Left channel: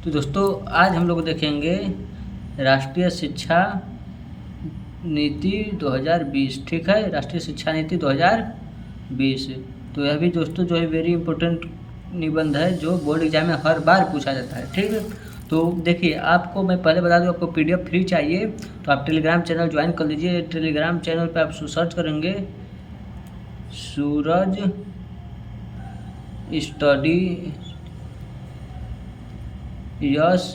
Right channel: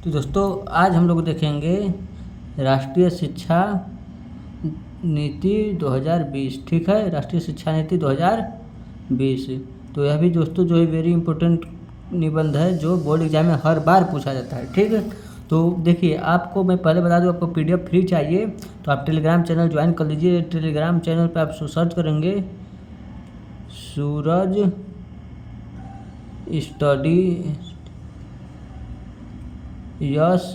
तो दोस्तों आज हम लोग देखेंगे राष्ट्रीय शिक्षा नीति 2020। ठीक है, राष्ट्रीय शिक्षा नीति 2020। तो यह भी दोस्तों जो है वेरी इंपॉर्टेंट निबंध है जो बोर्ड एग्जाम में हर बार पूछा जाता है। ठीक है, तो देखिए आपको मैं पहले बता दूं, आपको पीडीएफ फ्री चाहिए तो आप टेलीग्राम चैनल ज्वाइन कर लीजिए। टेलीग्राम चैनल पे आप सर्च करेंगे सूरज स्टडी यस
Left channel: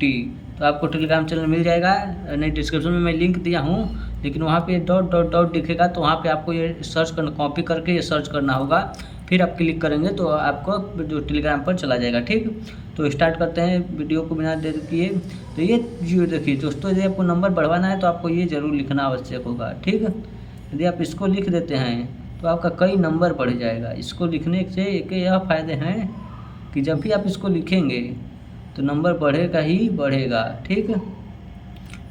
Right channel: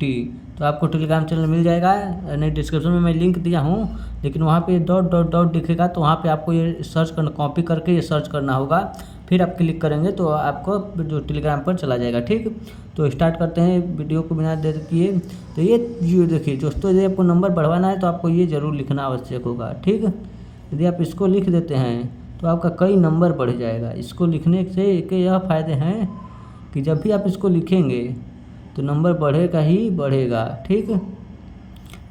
टी, तो आपको टेलीग्राम चैनल मिल जाएगा। नहीं, डिस्क्रिप्शन में मैं लिंक दिया हूँ, लेकिन वहाँ पे डॉट डॉट डॉट दिखेगा तो वहाँ पे आपको ये सर्च करना, कॉपी करके ये सर्च करना होगा। फिर आप क्लिक करेंगे तो आपको जो टेलीग्राम पर चला जाएगा। ठीक, तो स्टार्ट करते हैं वीडियो को बिना देर किए। तो ये देखिए दोस्तों, यदि आपको नंबर बढ़वाना है तो आपको ये ज़रूर लिखना आवश्यक होगा। ठीक, यदि आप इसको लिख देते हैं तो आपका कई नंबर बढ़ जाएगा। इसको लिखने से एक यह फ़ायदे हैं कि जब भी आप इसको लिखेंगे तो नंबर बढ़ेगा ही बढ़ेगा। ठीक,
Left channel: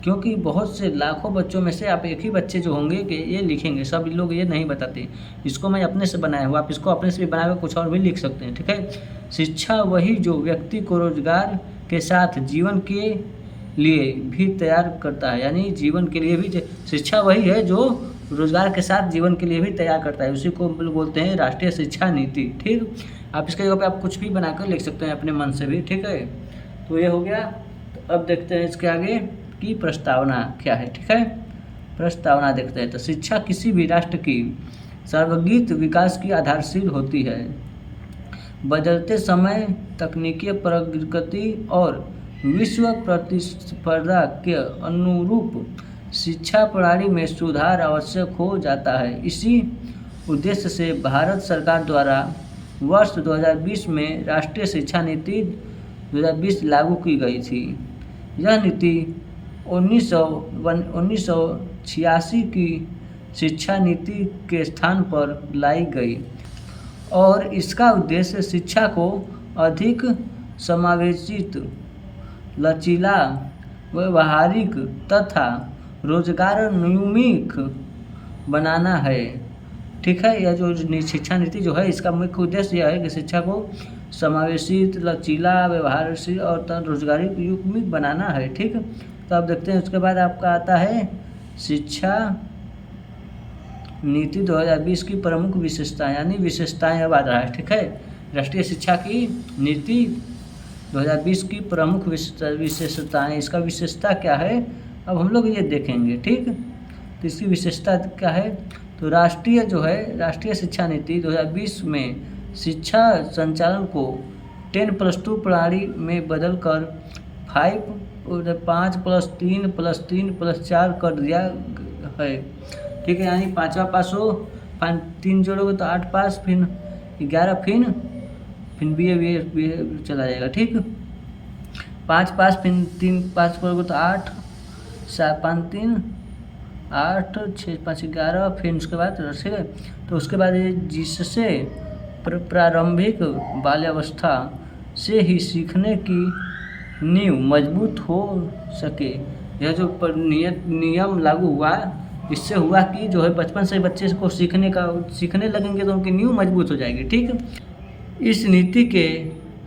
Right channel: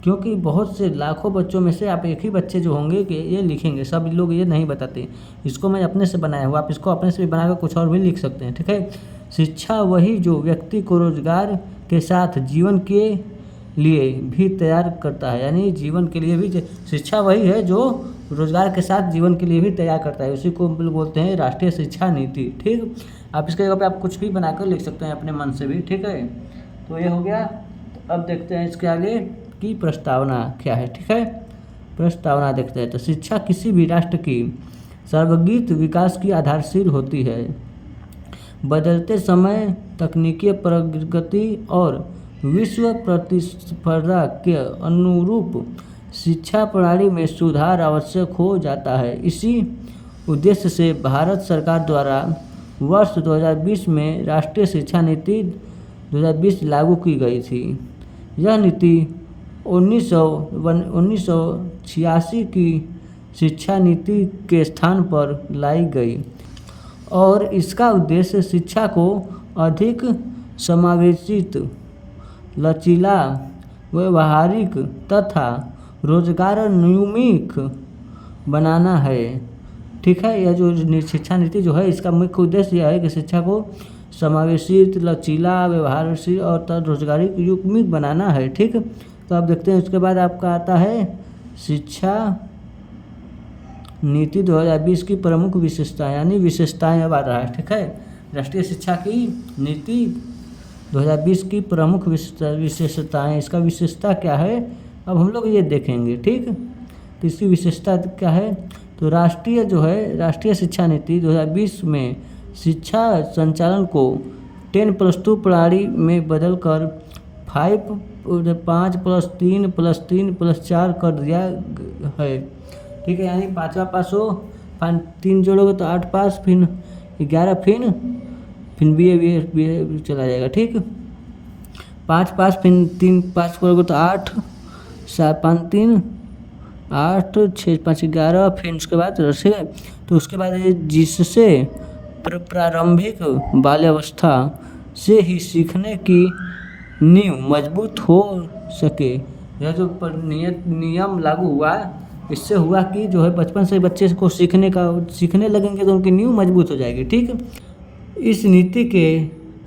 क्योंकि बहुत से लाखों बच्चों में से आप एक ही बच्चे जो होंगे कि ये लिखेंगे, सब लोग ये नहीं बताते। इसको मैं अपने से बनाया हूँ, आप इसको अपने से भी बना के कुछ और भी लिख सकते हैं। ठीक है, शिक्षा वही जो व्यक्ति को रोजगार के साथ जीवन के लिए भी तैयार करता है, यानी जीवन के लिए भी शिक्षा वही है जो रोजगार के साथ जीवन के लिए भी तैयार करता है। उसी को बोलते हैं राष्ट्रीय शिक्षा नीति। ठीक, आप इसके जगह पे आप कुछ भी बनाकर लिख सकते हैं अपने मन से भी। ठीक है, तो ये हो गया। तो अब देखते हैं इसके आगे की प्रस्तावना क्या है। ठीक है, प्रस्तावना देखते हैं। तो शिक्षा किसी भी राष्ट्र की सर्वगीत विकास की आधारशिल होती है। बदलते समय, तकनीकी प्रगति और विश्व प्रतिस्पर्धा के अनुरूप शिक्षा प्रणाली में सुधार आवश्यक हो जाता है। इसी उद्देश्य से भारत सरकार द्वारा वर्ष 2020 में राष्ट्रीय शिक्षा नीति 2020 लागू की गई थी। यह नीति 1986 की शिक्षा नीति के स्थान पर लाई गई और इसका उद्देश्य शिक्षा को अधिक समावेशित, लचीला, व्यावहारिक तथा रोजगारोन्मुख बनाना है। ठीक है, यह जो शिक्षा नीति जो है इसका मुख्य उद्देश्य यह है कि शिक्षा को समावेशित, लचीला, व्यवहारशील और रोजगारोन्मुख बनाना है। ठीक, तो आप देखते हैं उसके बाद आपका आता है शिक्षा नीति 2020 की प्रमुख विशेषताएं, यानी विशेषताएं अब आ रहा है। ठीक है, राष्ट्रीय शिक्षा की नीति 2020 की प्रमुख विशेषताएं, इसका विशेषता क्या है अब हम लोग ये देखेंगे। ठीक, तो इसकी विशेषता क्या है, तो राष्ट्रीय शिक्षा नीति 2020 में शिक्षा संचालन को 10+2 प्रणाली में बदलकर 5+3+3+4 कर दिया है। ठीक है, यानी 5वां पास हो, 3 जोड़ोगे तो 8 पास, फिर 11, फिर बी चला जाएगा। ठीक, 5 पास, फिर 3 पास करोगे तो 8, 7, 5, 3, 8, 6, 5, 11, फिर उसके बाद तो उसके बाद जिससे प्रारंभिक बाल्यावस्था से ही सीखने की नींव मजबूत हो सके। यह जो नियम लागू हुआ, इससे हुआ कि जो है बचपन से बच्चे को सीखने लगेंगे तो उनकी नींव मजबूत हो जाएगी। ठीक, इस नीति के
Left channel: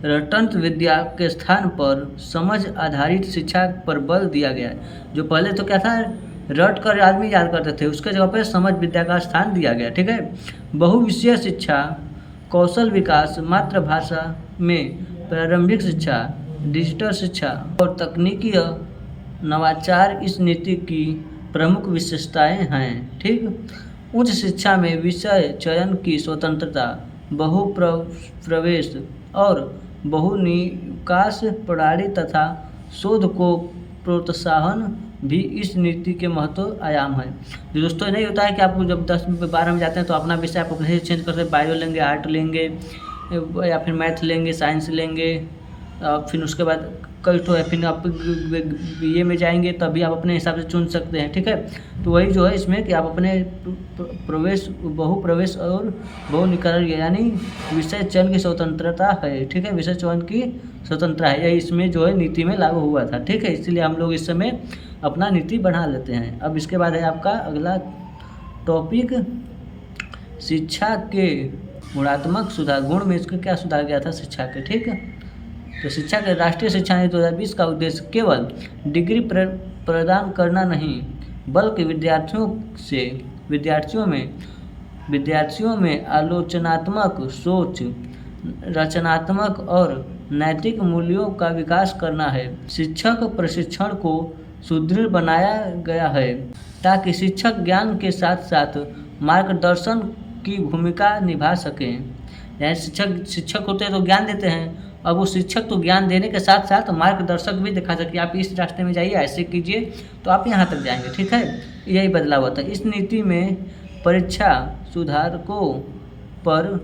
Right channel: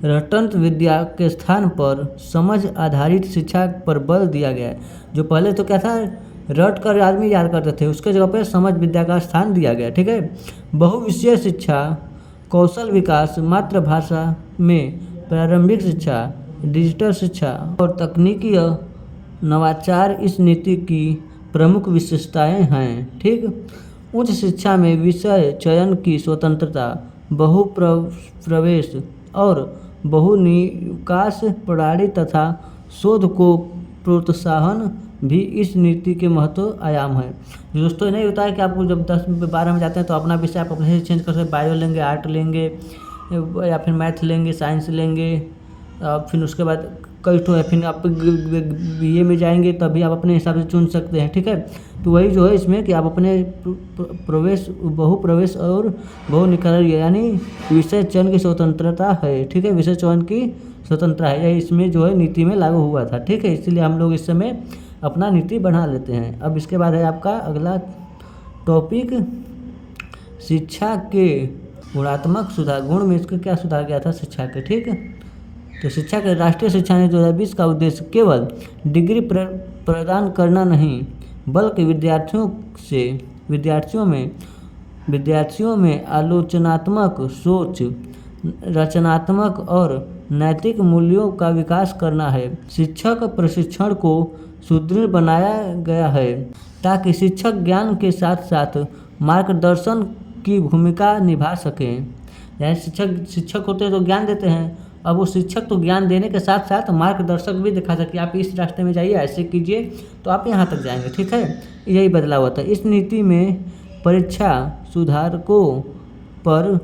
रटंत विद्या के स्थान पर समझ आधारित शिक्षा पर बल दिया गया है। जो पहले तो क्या था, रट कर आदमी याद करते थे, उसके जगह पर समझ विद्या का स्थान दिया गया। ठीक है, बहुविषयीय शिक्षा, कौशल विकास, मातृभाषा में प्रारंभिक शिक्षा, डिजिटल शिक्षा और तकनीकी नवाचार इस नीति की प्रमुख विशेषताएं हैं। ठीक, उच्च शिक्षा में विषय चयन की स्वतंत्रता, बहुप्रवेश और बहुनिकास प्रणाली तथा शोध को प्रोत्साहन भी इस नीति के महत्व आयाम है। जो दोस्तों नहीं होता है कि आपको जब 10-12 में जाते हैं तो अपना विषय आप अपने से चेंज कर सकते हैं, बायो लेंगे, आर्ट लेंगे या फिर मैथ लेंगे, साइंस लेंगे, फिर उसके बाद कई तो है, फिर आप बीए में जाएंगे तभी आप अपने हिसाब से चुन सकते हैं। ठीक है, तो वही जो है इसमें कि आप अपने बहुप्रवेश और बहुनिकास, यानी विषय चयन की स्वतंत्रता है। ठीक है, विषय चयन की स्वतंत्रता है, यह इसमें जो है नीति में लागू हुआ था। ठीक है, इसलिए हम लोग इस समय अपना नीति बढ़ा लेते हैं। अब इसके बाद है आपका अगला टॉपिक शिक्षा के गुणात्मक सुधार। गुण में इसका क्या सुधार गया था शिक्षा के। ठीक है, तो शिक्षा के राष्ट्रीय शिक्षा नीति 2020 का उद्देश्य केवल डिग्री प्रदान करना नहीं, बल्कि विद्यार्थियों में आलोचनात्मक सोच, रचनात्मक और नैतिक मूल्यों का विकास करना है। शिक्षक प्रशिक्षण को सुदृढ़ बनाया गया है ताकि शिक्षक ज्ञान के साथ साथ मार्गदर्शन की भूमिका निभा सकें। यानी शिक्षक होते हैं तो ज्ञान देते हैं, अब वो शिक्षक तो ज्ञान देने के साथ साथ मार्गदर्शक भी दिखा सके, आप इस रास्ते में जाइए, ऐसे कीजिए तो आप यहाँ तक जाएंगे। ठीक है, यही बदलाव होता है। इस नीति में परीक्षा सुधारकों पर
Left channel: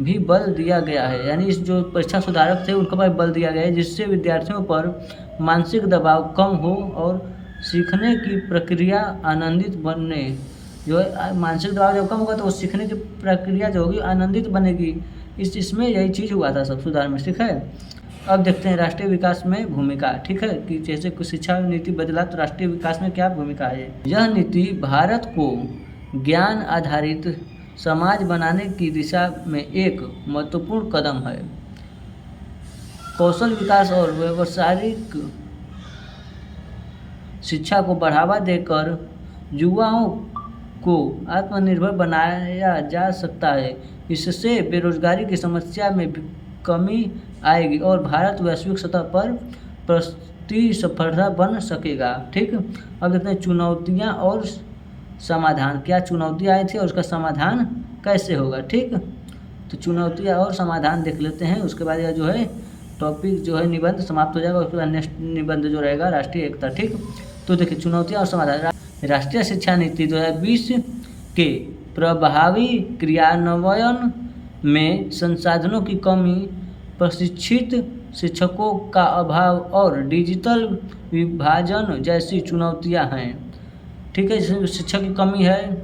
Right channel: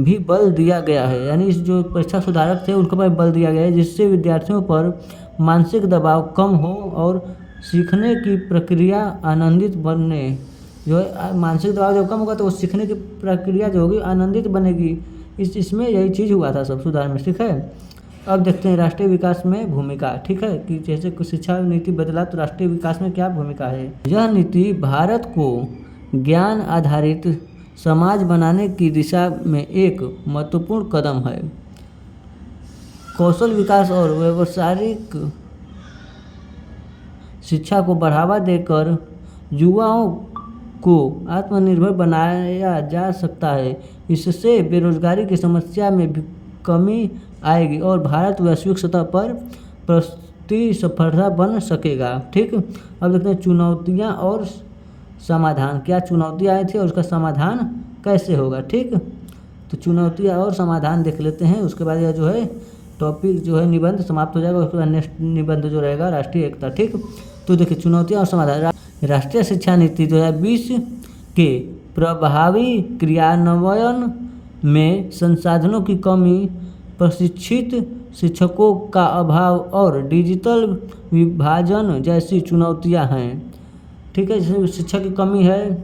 भी बल दिया गया है, यानी इस जो परीक्षा सुधारक थे उनके पर बल दिया गया है, जिससे विद्यार्थियों पर मानसिक दबाव कम हो और सीखने की प्रक्रिया आनंदित बनने, जो है मानसिक दबाव जब कम होगा तो वो सीखने की प्रक्रिया जो होगी आनंदित बनेगी। इसमें यही चीज़ हुआ था सब सुधार में। ठीक है, अब देखते हैं राष्ट्रीय विकास में भूमिका। ठीक है, कि जैसे कुछ शिक्षा नीति बदला तो राष्ट्रीय विकास में क्या भूमिका है। यह नीति भारत को ज्ञान आधारित समाज बनाने की दिशा में एक महत्वपूर्ण कदम है। कौशल विकास और व्यावसायिक शिक्षा को बढ़ावा देकर युवाओं को आत्मनिर्भर बनाया जा सकता है। इससे बेरोजगारी की समस्या में भी कमी आएगी और भारत वैश्विक सतह पर प्रतिस्पर्धा बन सकेगा। ठीक, अब देखते हैं चुनौतियां और समाधान। क्या चुनौतियां आई थी और उसका समाधान कैसे होगा। ठीक, तो चुनौतियां और समाधान देख लेते हैं, उसके बाद यह जो है टॉपिक जो है निबंध समाप्त हो जाएगा। उसके बाद नेक्स्ट निबंध जो रहेगा राष्ट्रीय एकता। ठीक, तो देखिए चुनौतियां और समाधान। राष्ट्रीय शिक्षा नीति 2020 के प्रभावी क्रियान्वयन में संसाधनों की कमी, प्रशिक्षित शिक्षकों का अभाव और डिजिटल विभाजन जैसी चुनौतियां हैं। ठीक है, शिक्षक की कमी है,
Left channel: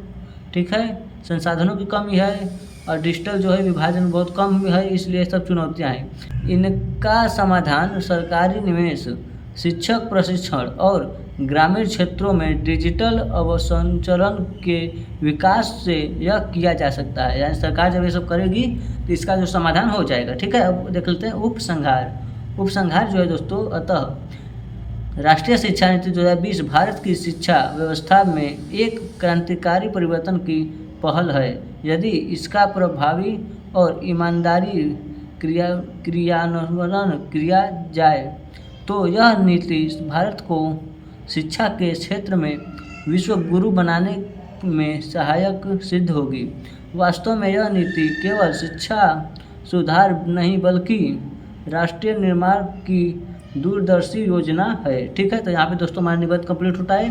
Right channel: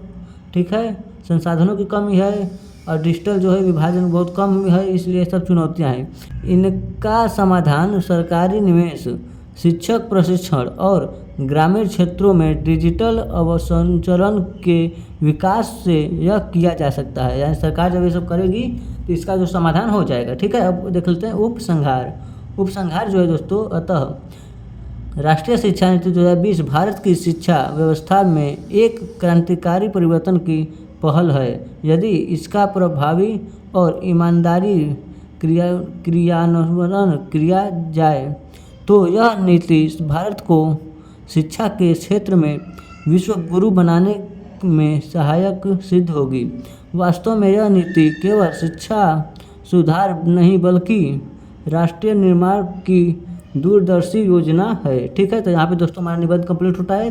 ठीक है, संसाधनों की कमी है और डिजिटल जो है विभाजन बहुत कम है, इसलिए सब चुनौतियां हैं। इनका समाधान सरकारी निवेश, शिक्षक प्रशिक्षण और ग्रामीण क्षेत्रों में डिजिटल अवसंरचना के विकास से यह किया जा सकता है। यानी सरकार जब ये सब करेगी तो इसका जो समाधान हो जाएगा। ठीक है, अब देख लेते हैं उपसंहार जो है दोस्तों। अतः राष्ट्रीय शिक्षा नीति 2020 भारत की शिक्षा व्यवस्था में एक क्रांतिकारी परिवर्तन की पहल है। यदि इसका प्रभावी और ईमानदारी क्रियान्वयन किया जाए तो यह नीति भारत को शिक्षा के क्षेत्र में विश्व गुरु बनाने में सहायक सिद्ध होगी। वास्तव में यह नीति केवल शिक्षा सुधार नहीं बल्कि राष्ट्रीय निर्माण की दूरदर्शी योजना है। ठीक है, तो यहाँ पे दोस्तों हमारा निबंध कंप्लीट होता है।